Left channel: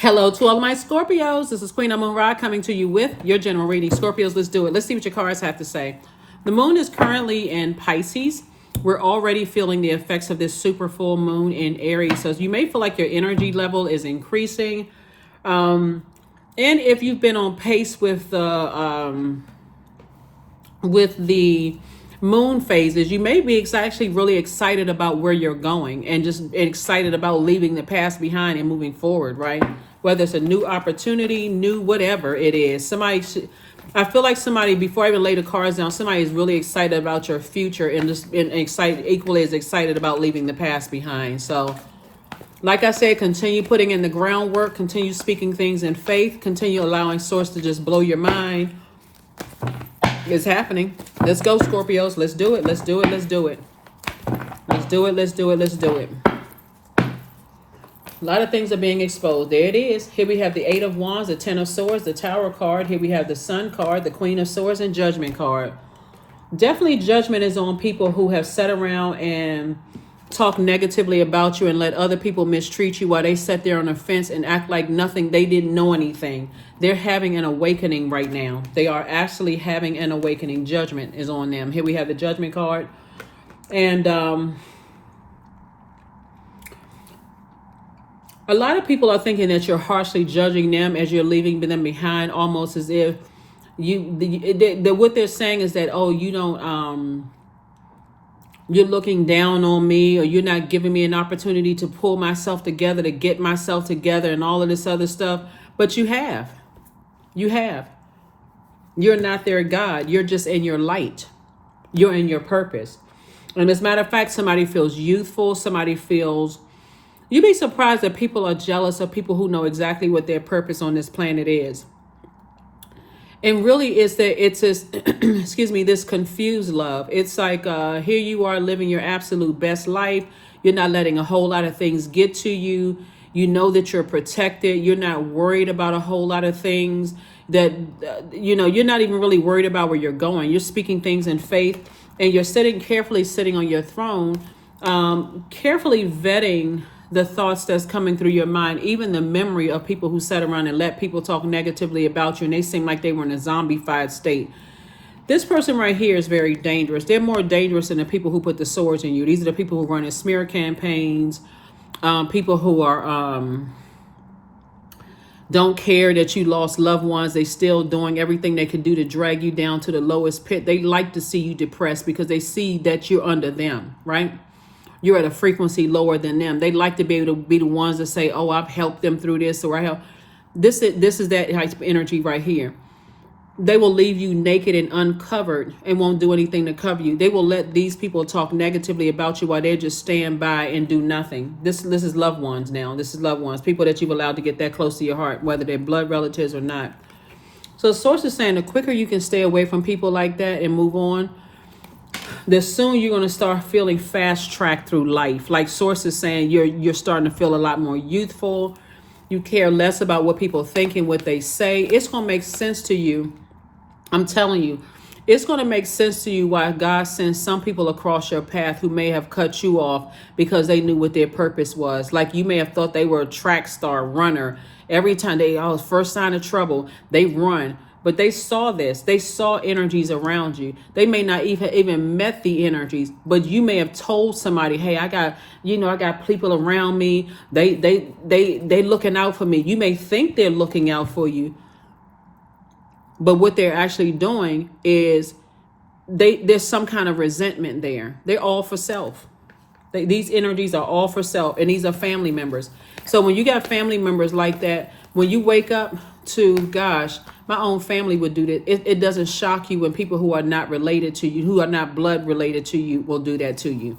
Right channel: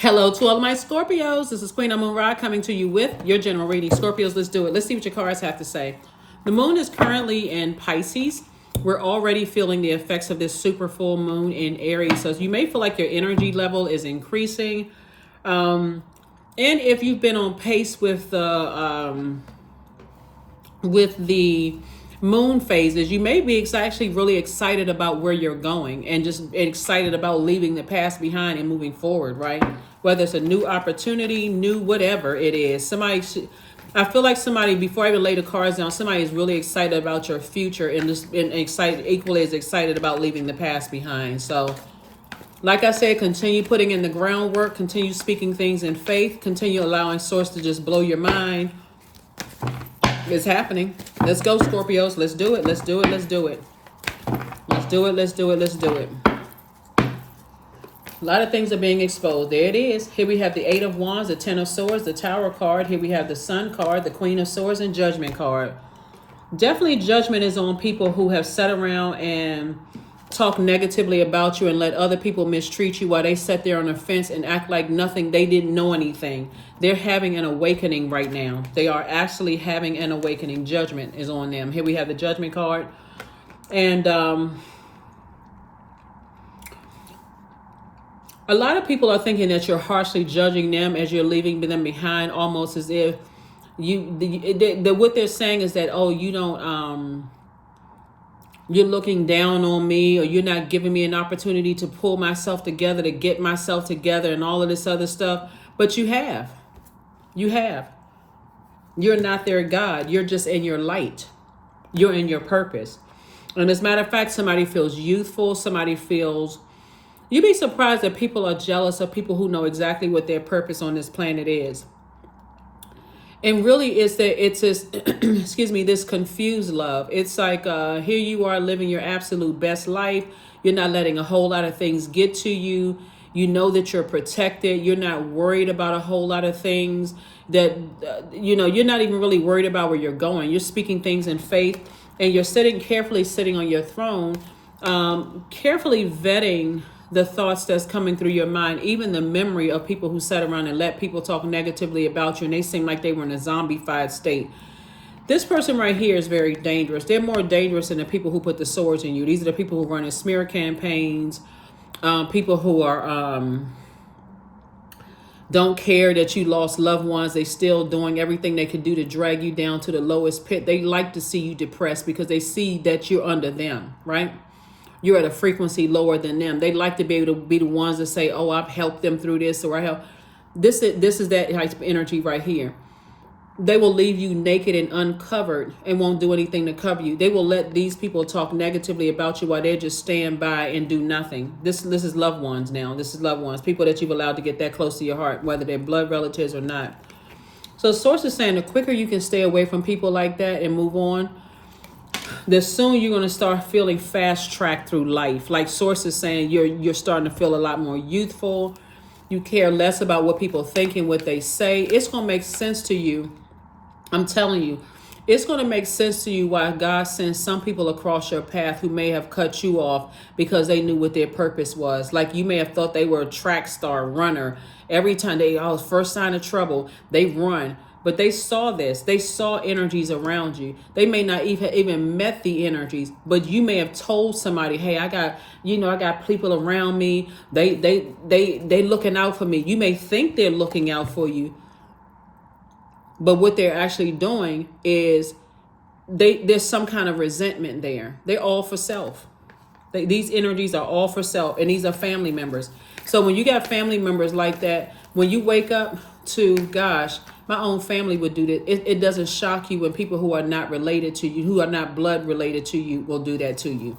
Hello to all my Scorpios. This is Queen Amun Ra coming to you with your general reading. Scorpios, let's do it. Let's see what your cards have to say. The moon is currently in Pisces. We're already feeling the effects of this super full moon in Aries. So you may feel like your energy level is increasing. And if you've been on pace with the moon phases, you may be actually really excited about where you're going and just excited about leaving the past behind and moving forward, right? Whether it's a new opportunity, new whatever it is. I feel like somebody, before I even lay the cards down, somebody is really excited about your future and just equally as excited about leaving the past behind. So, like I said, continue putting in the groundwork, continue speaking things in faith, continue allowing source to just blow your mind. It's happening. Let's go, Scorpios. Let's do it. Let's do it. Let's do it. Let's do it. Let's do it. Let's do it. A lot of things are being exposed. There it is. Here we have the Eight of Wands, the Ten of Swords, the Tower card. Here we have the Sun card, the Queen of Swords, and Judgment card. Definitely judgment is on people who have sat around and talk negatively about you and let other people mistreat you while they sat there on the fence and act like nothing. They didn't know anything. They're having an awakening right now. They are actually having an awakening. Judgment is on them. Here we have the Judgment card. And a lot of people are thinking that you're harshly judging them as you're leaving them behind, almost as if what they're saying is that, oh, you don't, you're looking down on me, or you're not giving me an opportunity to pull myself together, to get myself together and all of this other stuff. But you have. You have. You're not their God. You're just in your light. You're in your purpose. And as a matter of fact, somebody feels youthful. Somebody feels... You'd be surprised that people are jealous of people who know exactly what their purpose on this planet is. And really it's this, excuse me, this confused love. It's like, here you are living your absolute best life. You're not letting a whole lot of things get to you. You know that you're protected. You're not worried about a whole lot of things that, you're not even really worried about where you're going. You're speaking things in faith, and you're carefully sitting on your throne, carefully vetting the thoughts that's coming through your mind, even the memory of people who sat around and let people talk negatively about you and they seem like they were in a zombified state. This person right here is very dangerous. They're more dangerous than the people who put the swords in you. These are the people who run in smear campaigns, people who are don't care that you lost loved ones. They still doing everything they can do to drag you down to the lowest pit. They like to see you depressed because they see that you're under them, right? You're at a frequency lower than them. They like to be able to be the ones that say, oh, I've helped them through this, or I help. This is that type of energy right here. They will leave you naked and uncovered and won't do anything to cover you. They will let these people talk negatively about you while they just stand by and do nothing. This is loved ones now. This is loved ones, people that you've allowed to get that close to your heart, whether they're blood relatives or not. So Source is saying the quicker you can stay away from people like that and move on, the soon you're going to start feeling fast tracked through life. Like Source is saying, you're starting to feel a lot more youthful. You care less about what people think and what they say. It's going to make sense to you. I'm telling you, it's going to make sense to you why God sends some people across your path who may have cut you off because they knew what their purpose was. Like you may have thought they were a track star runner. Every time first sign of trouble, they run. But they saw this. They saw energies around you. They may not even met the energies, but you may have told somebody, hey, I got people around me. They looking out for me. You may think they're looking out for you, but what they're actually doing is there's some kind of resentment there. They're all for self. These energies are all for self, and these are family members. So when you got family members like that, when you wake up to, gosh, my own family would do that. It doesn't shock you when people who are not related to you, who are not blood related to you, will do that to you.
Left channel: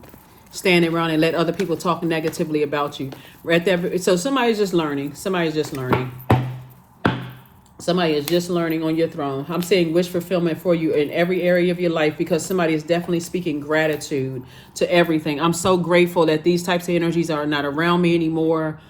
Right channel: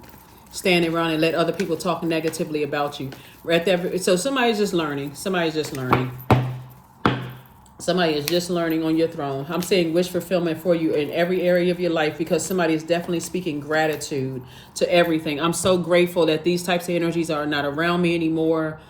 Standing around and let other people talk negatively about you. Right there. So somebody's just learning. Somebody is just learning on your throne. I'm saying wish fulfillment for you in every area of your life, because somebody is definitely speaking gratitude to everything. I'm so grateful that these types of energies are not around me anymore.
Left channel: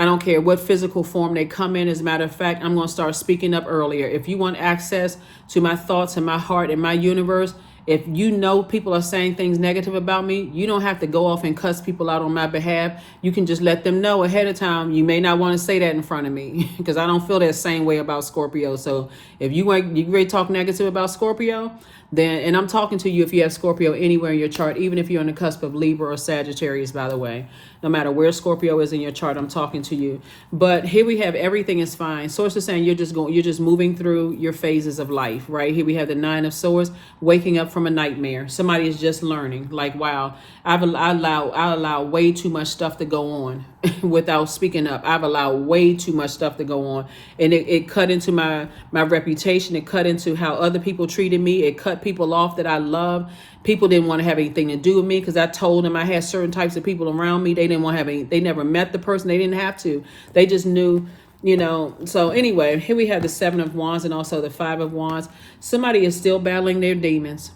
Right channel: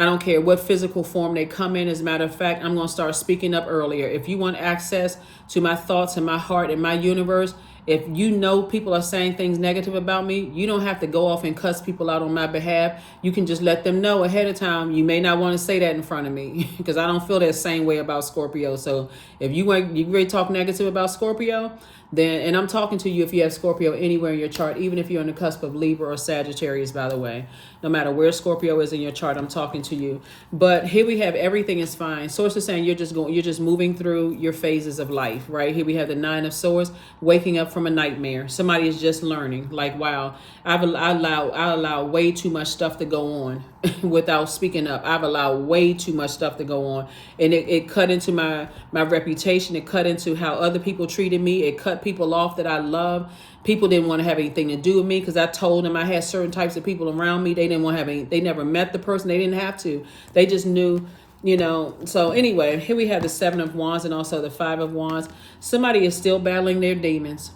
I don't care what physical form they come in. As a matter of fact, I'm going to start speaking up earlier. If you want access to my thoughts and my heart and my universe, If you know people are saying things negative about me, you don't have to go off and cuss people out on my behalf. You can just let them know ahead of time. You may not want to say that in front of me because I don't feel that same way about Scorpio. So if you ready to talk negative about Scorpio, then, and I'm talking to you if you have Scorpio anywhere in your chart, even if you're on the cusp of Libra or Sagittarius, by the way. No matter where Scorpio is in your chart, I'm talking to you. But here we have everything is fine. Source is saying you're just moving through your phases of life, right? Here we have the Nine of Swords, waking up from a nightmare. Somebody is just learning, like, wow, I allow way too much stuff to go on without speaking up. I've allowed way too much stuff to go on. And it cut into my reputation. It cut into how other people treated me. It cut people off that I love. People didn't want to have anything to do with me because I told them I had certain types of people around me. They didn't want to have any, they never met the person. They didn't have to. They just knew, you know. So anyway, here we have the Seven of Wands and also the Five of Wands. Somebody is still battling their demons.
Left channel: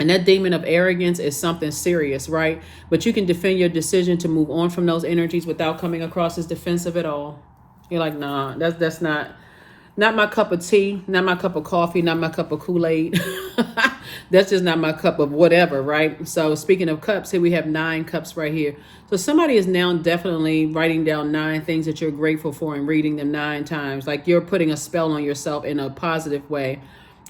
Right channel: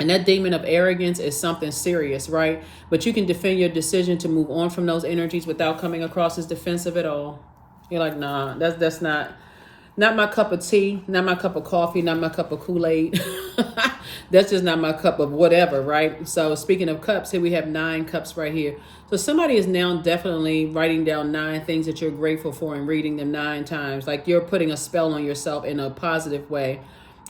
And that demon of arrogance is something serious, right? But you can defend your decision to move on from those energies without coming across as defensive at all. You're like, nah, that's not my cup of tea, not my cup of coffee, not my cup of Kool-Aid. That's just not my cup of whatever, right? So speaking of cups, here we have 9 cups right here. So somebody is now definitely writing down 9 things that you're grateful for and reading them 9 times. Like you're putting a spell on yourself in a positive way.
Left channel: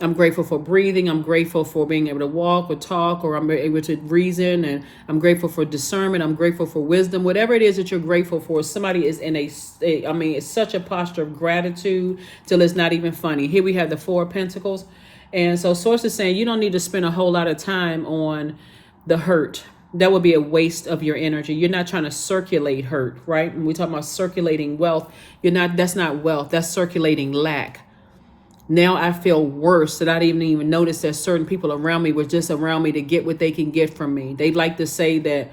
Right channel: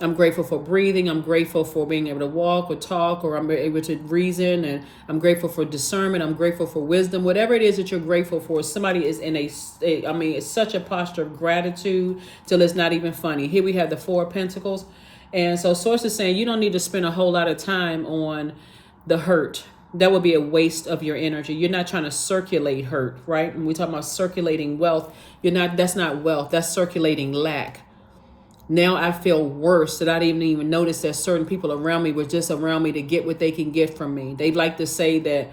I'm grateful for breathing. I'm grateful for being able to walk or talk, or I'm able to reason, and I'm grateful for discernment. I'm grateful for wisdom. Whatever it is that you're grateful for, somebody is in it's such a posture of gratitude till it's not even funny. Here we have the Four of Pentacles. And so Source is saying you don't need to spend a whole lot of time on the hurt. That would be a waste of your energy. You're not trying to circulate hurt, right? When we talk about circulating wealth, that's not wealth. That's circulating lack. Now I feel worse that I didn't even notice that certain people around me were just around me to get what they can get from me. They like to say that,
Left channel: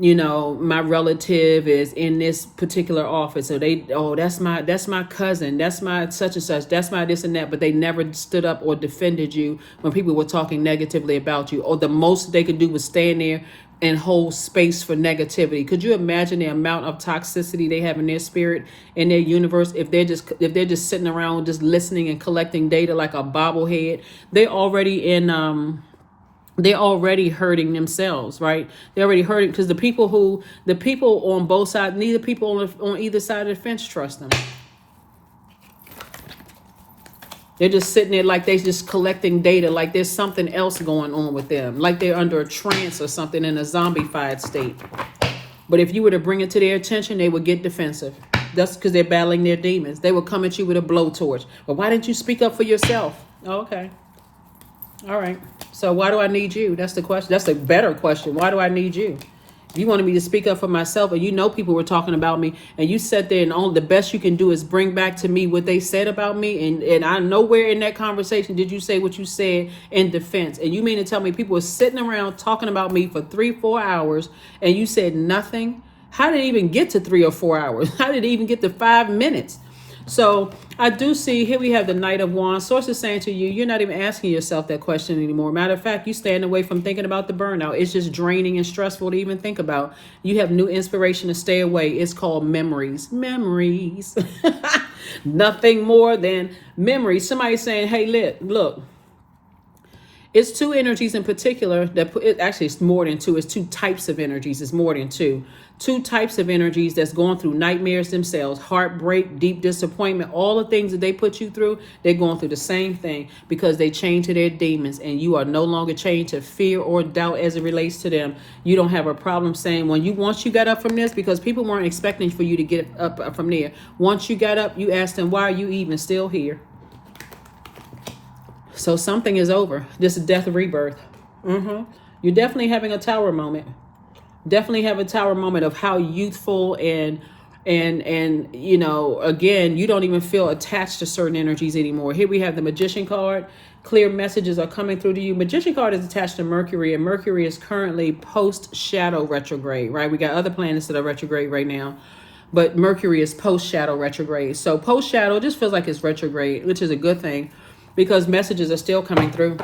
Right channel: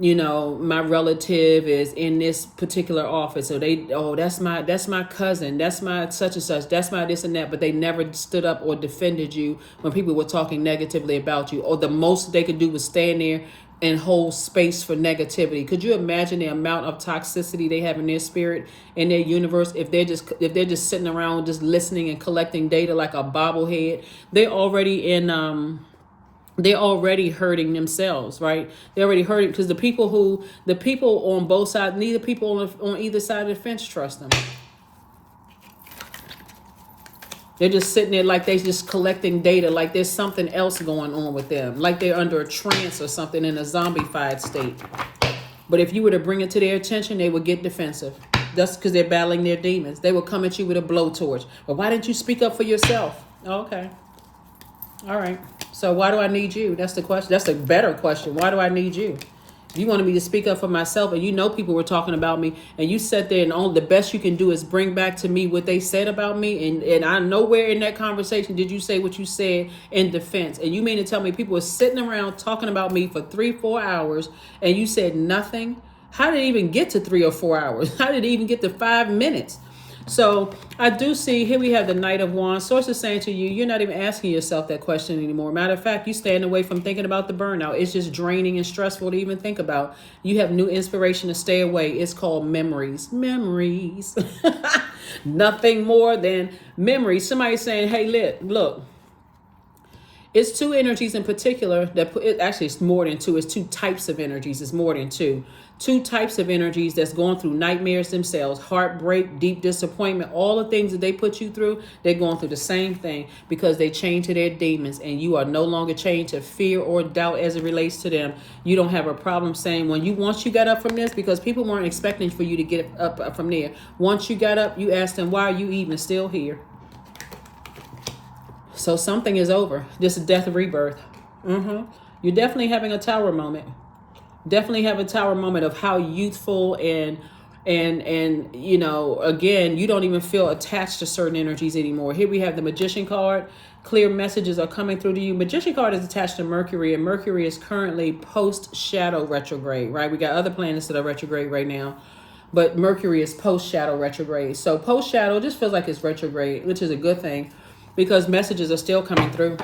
you know, my relative is in this particular office. So that's my cousin. That's my such and such. That's my this and that. But they never stood up or defended you when people were talking negatively about you. Or the most they could do was stand there and hold space for negativity. Could you imagine the amount of toxicity they have in their spirit, in their universe, if they're just sitting around just listening and collecting data like a bobblehead? They're already hurting themselves, right? They're already hurting because the people on both sides, neither people on either side of the fence trust them. They're just sitting there like they're just collecting data, like there's something else going on with them, like they're under a trance or something in a zombified state. But if you were to bring it to their attention, they would get defensive. That's because they're battling their demons. They will come at you with a blowtorch. But why didn't you speak up for yourself? Okay. All right. So why do I need you? That's the question. That's a better question. Why do I need you? If you wanted me to speak up for myself and you know people were talking about me and you sat there and the best you can do is bring back to me what they said about me, and I nowhere in that conversation did you say what you said in defense. And you mean to tell me people were sitting around talking about me for 3-4 hours and you said nothing? How did it even get to 3 or 4 hours? How did it even get to 5 minutes? So I do see here we have the Knight of Wands. Source is saying to you, you're not even asking yourself that question anymore. Matter of fact, you stand away from thinking about the burnout. It's just draining and stressful to even think about. You have new inspiration to stay away. It's called memories. Memories. Nothing more than memories. Somebody saying, hey, look. It's 2 energies in particular actually it's more than 2. It's 2 types of energies. It's more than 2. 2 types of energies that's going through nightmares themselves, heartbreak, deep disappointment, all the things that they put you through, they're going through the same thing because they chained to their demons, and you are no longer chained to fear or doubt as it relates to them. You don't have a problem saying once you got up from this, because people weren't expecting for you to get up from there. Once you got up, you asked them, why are you even still here? So something is over. This is death rebirth. You're definitely having a tower moment. Definitely have a tower moment of how youthful and you know, again, you don't even feel attached to certain energies anymore. Here we have the Magician card. Clear messages are coming through to you. Magician card is attached to Mercury, and Mercury is currently post-shadow retrograde, right? We got other planets that are retrograde right now, but Mercury is post-shadow retrograde. So post-shadow just feels like it's retrograde, which is a good thing because messages are still coming through.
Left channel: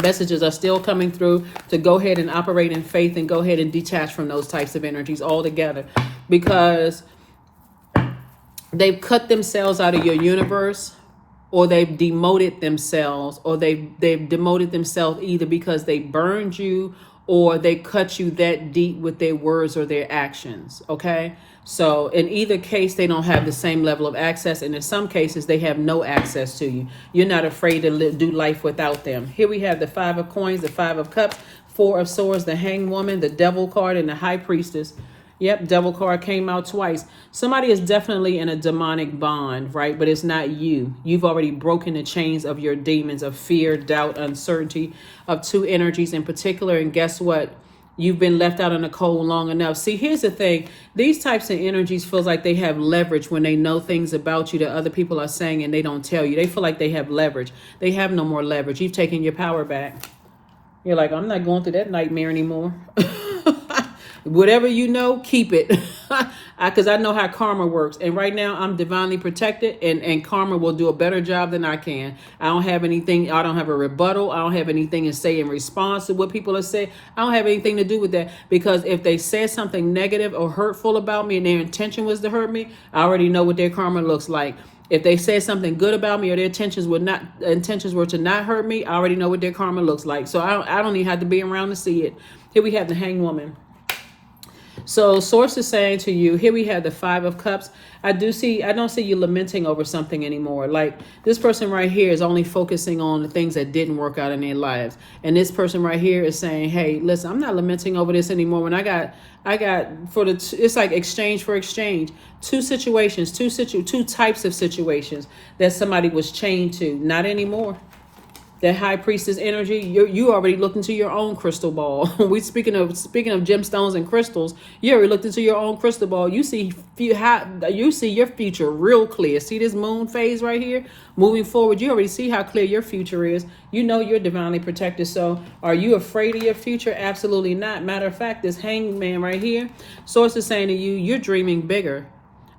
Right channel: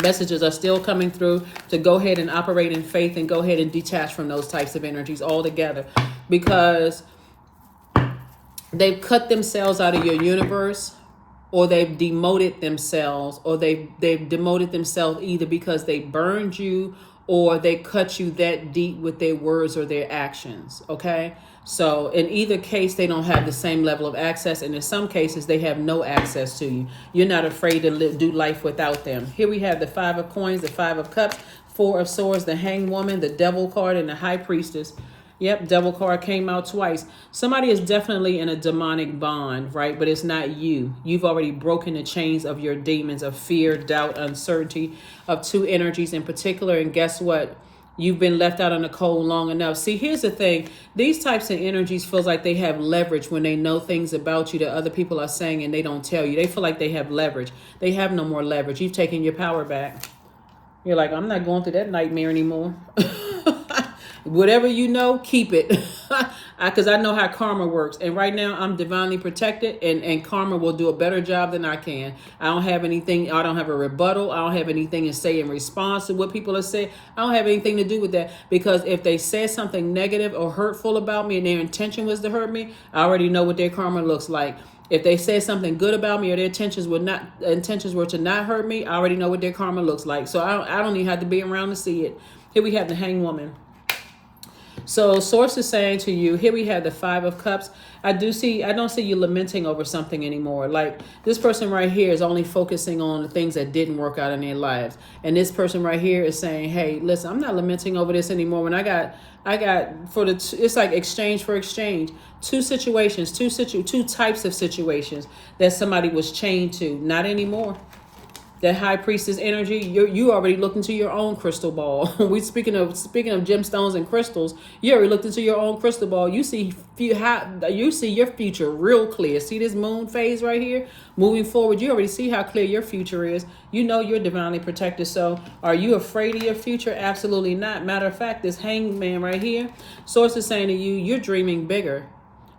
Messages are still coming through to go ahead and operate in faith and go ahead and detach from those types of energies altogether, because they've cut themselves out of your universe or they've demoted themselves, or they've demoted themselves either because they burned you or they cut you that deep with their words or their actions. Okay, so in either case they don't have the same level of access, and in some cases they have no access to you. You're not afraid to do life without them. Here we have the Five of Coins, the Five of Cups, Four of Swords, the Hanged Woman, the Devil card, and the High Priestess. Yep, Devil card came out twice. Somebody is definitely in a demonic bond, right? But it's not you. You've already broken the chains of your demons of fear, doubt, uncertainty, of two energies in particular. And guess what? You've been left out in the cold long enough. See, here's the thing. These types of energies feels like they have leverage when they know things about you that other people are saying and they don't tell you. They feel like they have leverage. They have no more leverage. You've taken your power back. You're like, I'm not going through that nightmare anymore. Whatever you know, keep it. Because I know how karma works. And right now, I'm divinely protected. And karma will do a better job than I can. I don't have anything. I don't have a rebuttal. I don't have anything to say in response to what people have said. I don't have anything to do with that. Because if they said something negative or hurtful about me and their intention was to hurt me, I already know what their karma looks like. If they said something good about me or their intentions were to not hurt me, I already know what their karma looks like. So I don't even have to be around to see it. Here we have the Hanged Woman. So source is saying to you, here we have the Five of Cups. I don't see you lamenting over something anymore. Like this person right here is only focusing on the things that didn't work out in their lives. And this person right here is saying, hey, listen, I'm not lamenting over this anymore. When it's like exchange for exchange. Two situations, two types of situations that somebody was chained to. Not anymore. That High Priestess energy, you already looked into your own crystal ball. We speaking of gemstones and crystals, you already looked into your own crystal ball. You see your future real clear. See this moon phase right here? Moving forward, you already see how clear your future is. You know you're divinely protected. So are you afraid of your future? Absolutely not. Matter of fact, this Hanged Man right here, source is saying to you, you're dreaming bigger.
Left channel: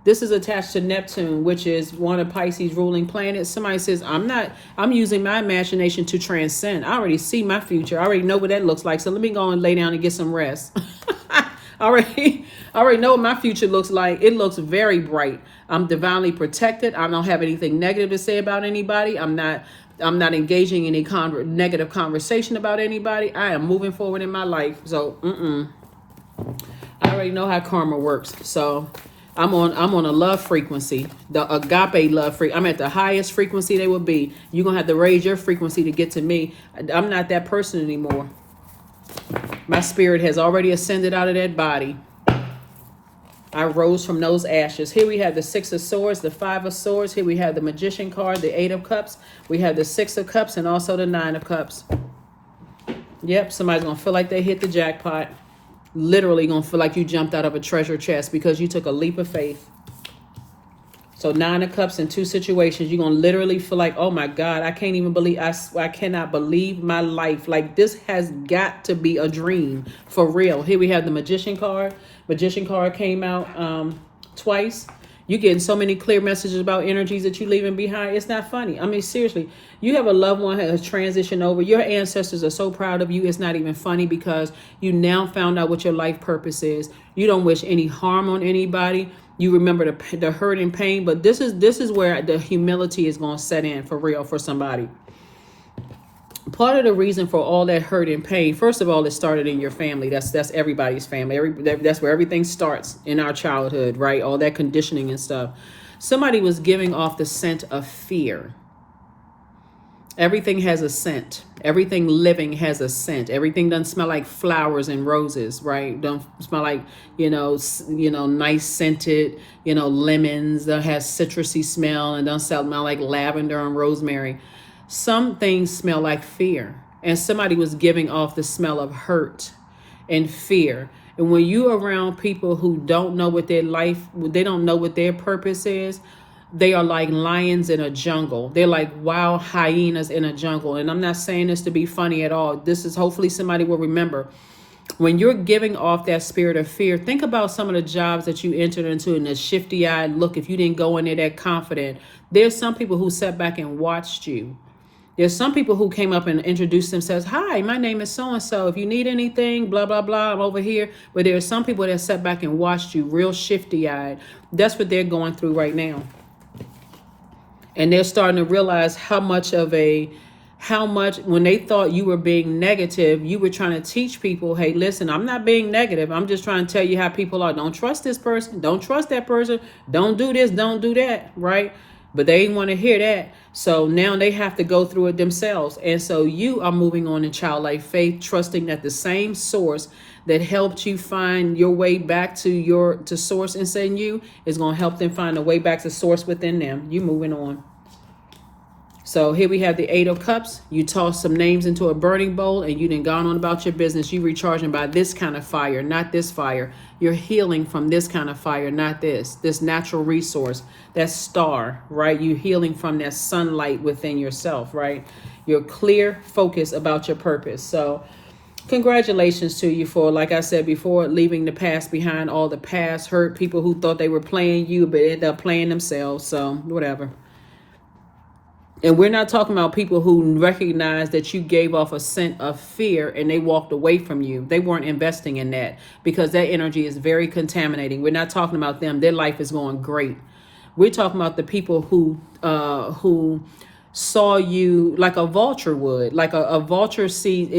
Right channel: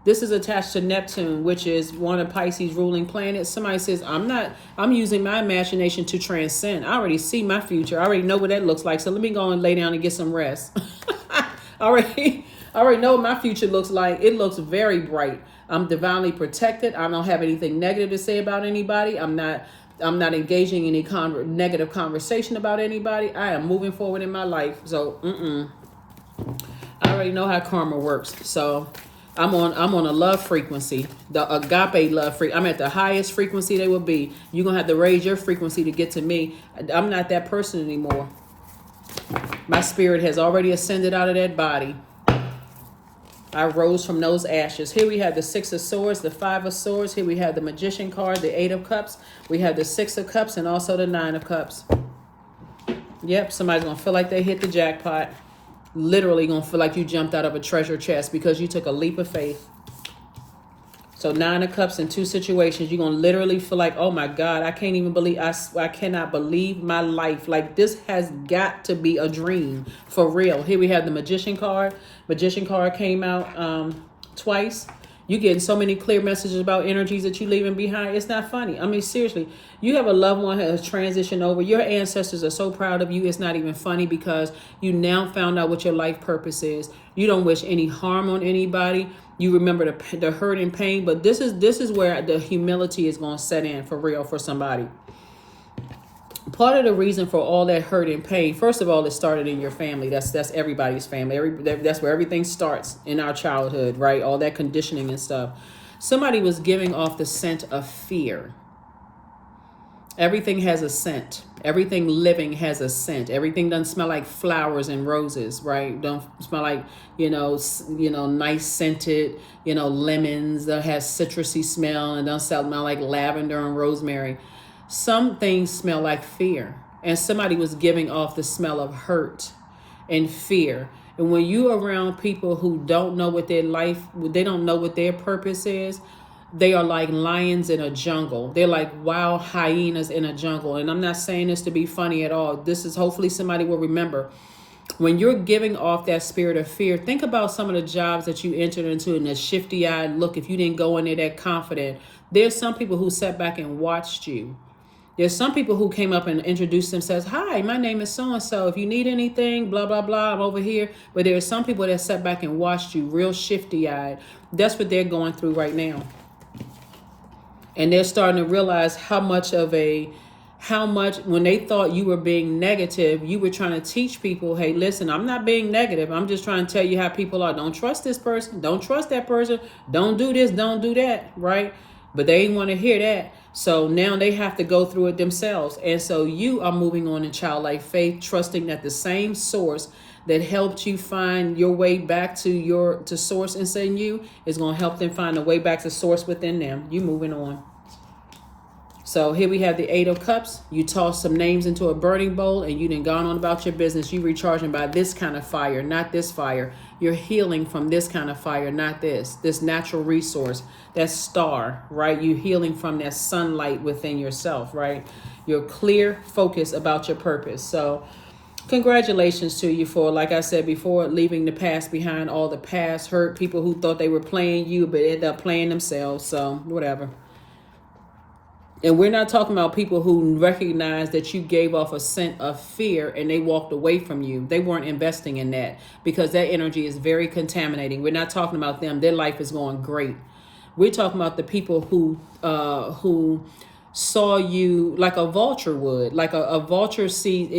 This is attached to Neptune, which is one of Pisces' ruling planets. Somebody says, I'm using my imagination to transcend. I already see my future. I already know what that looks like. So let me go and lay down and get some rest. I already know what my future looks like. It looks very bright. I'm divinely protected. I don't have anything negative to say about anybody. I'm not engaging in any negative conversation about anybody. I am moving forward in my life. So, I already know how karma works. So I'm on a love frequency, the agape love frequency. I'm at the highest frequency they will be. You're going to have to raise your frequency to get to me. I'm not that person anymore. My spirit has already ascended out of that body. I rose from those ashes. Here we have the Six of Swords, the Five of Swords. Here we have the Magician card, the Eight of Cups. We have the Six of Cups and also the Nine of Cups. Yep, somebody's going to feel like they hit the jackpot. Literally gonna feel like you jumped out of a treasure chest because you took a leap of faith. So Nine of Cups in two situations, you're gonna literally feel like, oh my God, I can't even believe, I cannot believe my life. Like this has got to be a dream for real. Here we have the Magician card. Magician card came out twice. You're getting so many clear messages about energies that you're leaving behind. It's not funny. I mean, seriously, you have a loved one who has transitioned over. Your ancestors are so proud of you. It's not even funny because you now found out what your life purpose is. You don't wish any harm on anybody. You remember the hurt and pain. But this is where the humility is going to set in for real for somebody. Part of the reason for all that hurt and pain, first of all, it started in your family. That's everybody's family. That's where everything starts in our childhood, right? All that conditioning and stuff. Somebody was giving off the scent of fear. Everything has a scent. Everything living has a scent. Everything doesn't smell like flowers and roses, right? Don't smell like, nice scented, lemons that has citrusy smell and don't smell like lavender and rosemary. Some things smell like fear, and somebody was giving off the smell of hurt and fear. And when you're around people who don't know what they don't know what their purpose is, they are like lions in a jungle. They're like wild hyenas in a jungle. And I'm not saying this to be funny at all. This is hopefully somebody will remember. When you're giving off that spirit of fear, think about some of the jobs that you entered into in the shifty-eyed look. If you didn't go in there that confident, there's some people who sat back and watched you. There's some people who came up and introduced themselves. Hi, my name is so-and-so. If you need anything, blah, blah, blah, I'm over here. But there's some people that sat back and watched you real shifty-eyed. That's what they're going through right now. And they're starting to realize how much when they thought you were being negative, you were trying to teach people, hey, listen, I'm not being negative. I'm just trying to tell you how people are. Don't trust this person. Don't trust that person. Don't do this. Don't do that. Right? But they didn't want to hear that. So now they have to go through it themselves. And so you are moving on in childlike faith, trusting that the same source that helped you find your way back to source inside you is going to help them find a way back to source within them. You moving on. So here we have the 8 of Cups. You toss some names into a burning bowl and you done gone on about your business. You recharging by this kind of fire, not this fire. You're healing from this kind of fire, not this natural resource, that star, right? You healing from that sunlight within yourself, right? You're clear, focused about your purpose. So congratulations to you for, like I said before, leaving the past behind, all the past hurt, people who thought they were playing you, but ended up playing themselves. So whatever. And we're not talking about people who recognize that you gave off a scent of fear and they walked away from you. They weren't investing in that because that energy is very contaminating. We're not talking about them. Their life is going great. We're talking about the people who saw you like a vulture would, like a vulture sees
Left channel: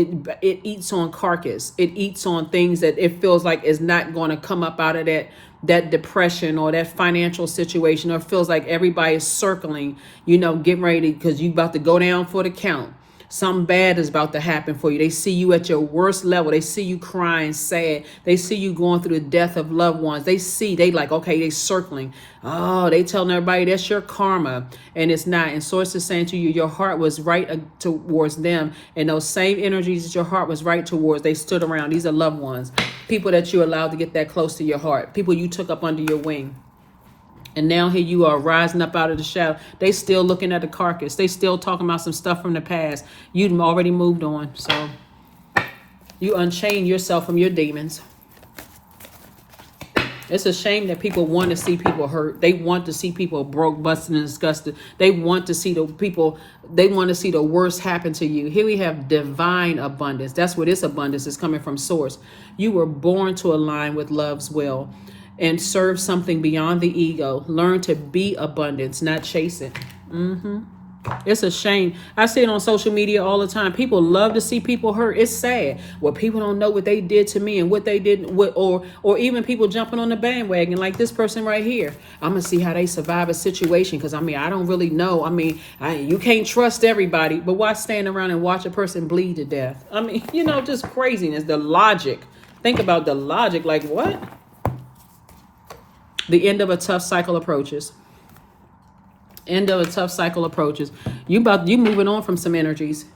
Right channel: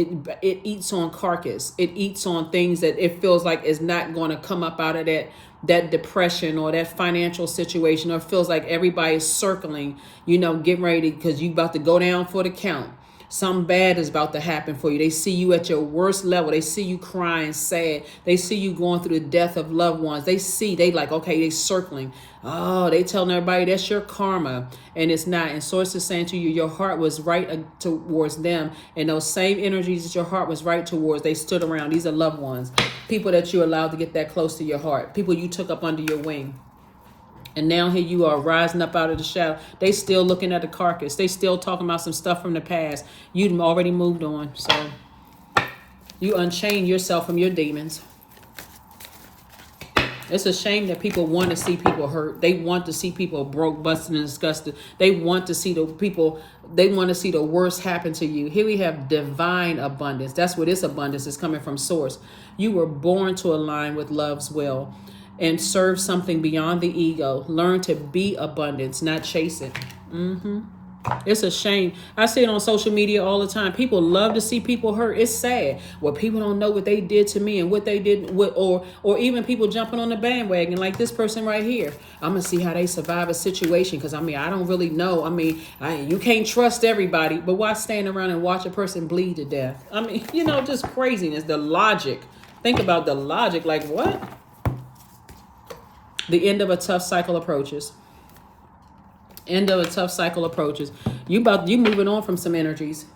it eats on carcass. It eats on things that it feels like is not going to come up out of that depression or that financial situation, or feels like everybody is circling, getting ready because you about to go down for the count. Something bad is about to happen for you. They see you at your worst level. They see you crying, sad. They see you going through the death of loved ones. They like, okay, they circling. Oh, they telling everybody that's your karma. And it's not. And Source is saying to you, your heart was right towards them. And those same energies that your heart was right towards, they stood around. These are loved ones. People that you allowed to get that close to your heart. People you took up under your wing. And now here you are rising up out of the shadow. They still looking at the carcass. They still talking about some stuff from the past. You've already moved on. So you unchain yourself from your demons. It's a shame that people want to see people hurt. They want to see people broke, busted, and disgusted. They want to see the worst happen to you. Here we have divine abundance. That's where this abundance is coming from, Source. You were born to align with love's will and serve something beyond the ego. Learn to be abundance, not chase it. It's a shame. I see it on social media all the time. People love to see people hurt. It's sad. Well, people don't know what they did to me and what they did, or even people jumping on the bandwagon like this person right here. I'm going to see how they survive a situation because, I don't really know. You can't trust everybody. But why stand around and watch a person bleed to death? Just craziness. The logic. Think about the logic. Like, what? The end of a tough cycle approaches. End of a tough cycle approaches. You moving on from some energies.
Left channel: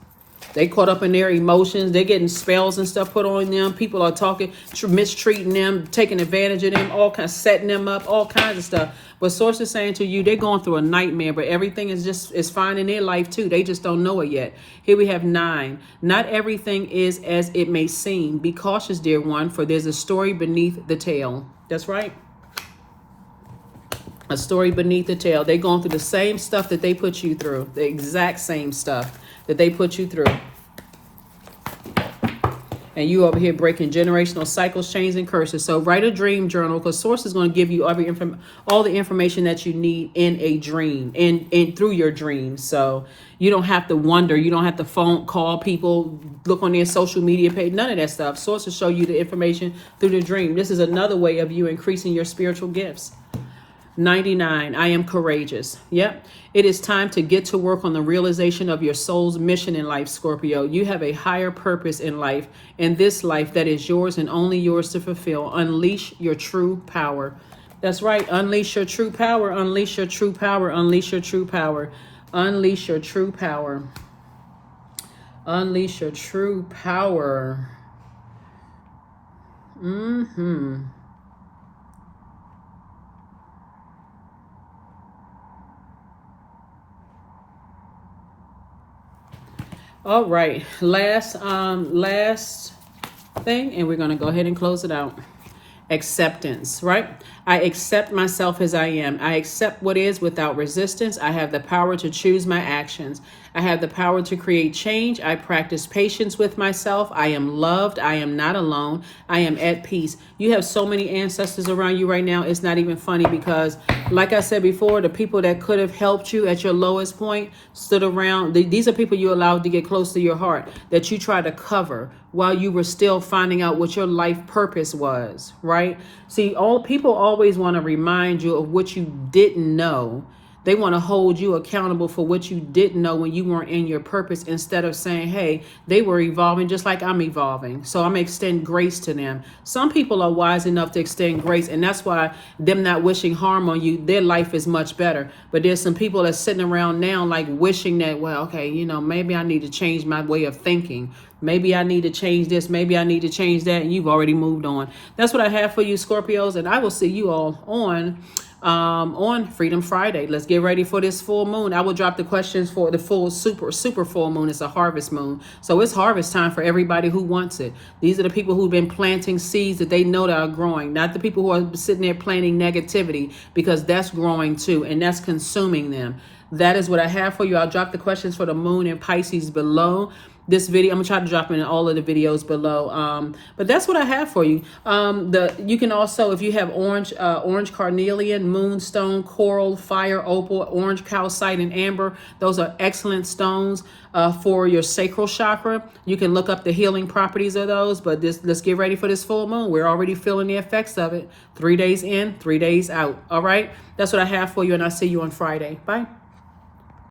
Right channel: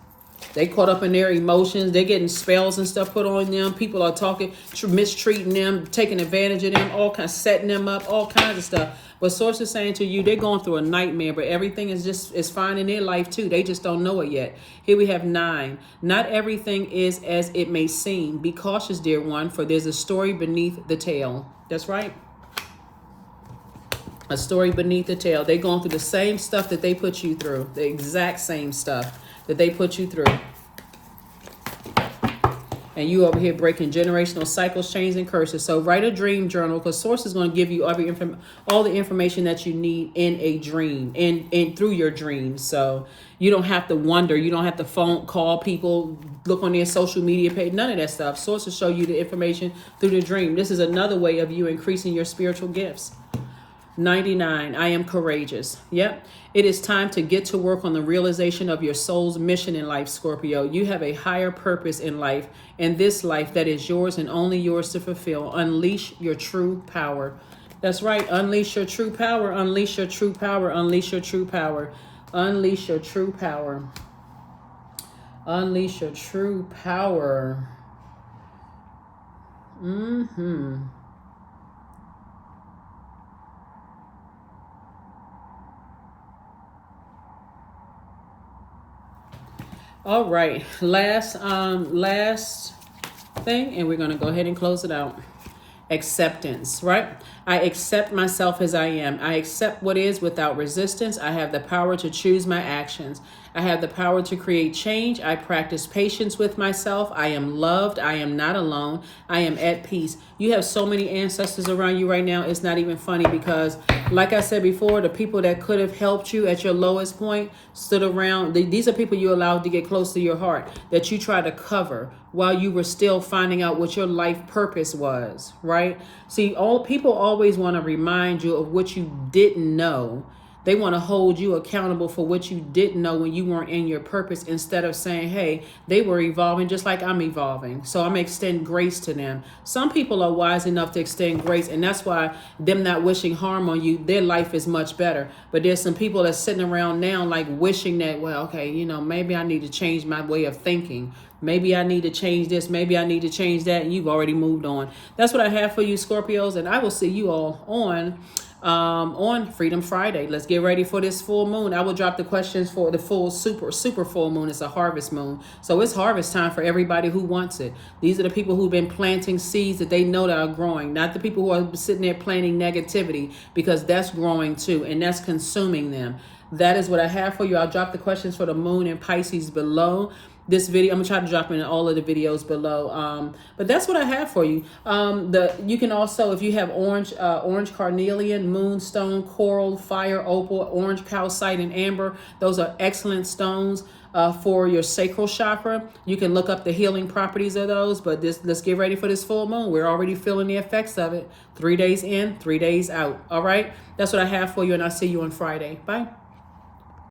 They caught up in their emotions. They're getting spells and stuff put on them. People are talking, mistreating them, taking advantage of them, all kinds, setting them up, all kinds of stuff. But Source is saying to you, they're going through a nightmare, but everything is fine in their life too. They just don't know it yet. Here we have 9. Not everything is as it may seem. Be cautious, dear one, for there's a story beneath the tale. That's right. A story beneath the tale. They're going through the same stuff that they put you through. The exact same stuff that they put you through. And you over here breaking generational cycles, chains, and curses. So write a dream journal, because Source is going to give you all the information that you need in a dream and through your dreams. So you don't have to wonder. You don't have to call people, look on their social media page, none of that stuff. Source will show you the information through the dream. This is another way of you increasing your spiritual gifts. 99, I am courageous. Yep. It is time to get to work on the realization of your soul's mission in life, Scorpio. You have a higher purpose in life, in this life that is yours and only yours to fulfill. Unleash your true power. That's right. Unleash your true power. Unleash your true power. Unleash your true power. Unleash your true power. Unleash your true power. All right, last thing, and we're going to go ahead and close it out. Acceptance, right? I accept myself as I am. I accept what is without resistance. I have the power to choose my actions. I have the power to create change. I practice patience with myself. I am loved. I am not alone. I am at peace. You have so many ancestors around you right now. It's not even funny, because Like I said before, the people that could have helped you at your lowest point stood around. These are people you allowed to get close to your heart, that you try to cover while you were still finding out what your life purpose was, right? See, all people always want to remind you of what you didn't know. They want to hold you accountable for what you didn't know when you weren't in your purpose, instead of saying, hey, they were evolving just like I'm evolving, so I'm going to extend grace to them. Some people are wise enough to extend grace, and that's why them not wishing harm on you, their life is much better. But there's some people that's sitting around now like wishing that, well, okay, maybe I need to change my way of thinking. Maybe I need to change this. Maybe I need to change that. And you've already moved on. That's what I have for you, Scorpios. And I will see you all on Freedom Friday. Let's get ready for this full moon. I will drop the questions for the full super full moon. It's a harvest moon. So it's harvest time for everybody who wants it. These are the people who've been planting seeds that they know that are growing, not the people who are sitting there planting negativity, because that's growing too, and that's consuming them. That is what I have for you. I'll drop the questions for the moon and Pisces below this video. I'm gonna try to drop in all of the videos below, but that's what I have for you. You can also, if you have orange carnelian, moonstone, coral, fire opal, orange calcite, and amber, those are excellent stones for your sacral chakra. You can look up the healing properties of those, but let's get ready for this full moon. We're already feeling the effects of it. 3 days in, 3 days out. All right, that's what I have for you, and I'll see you on Friday. Bye.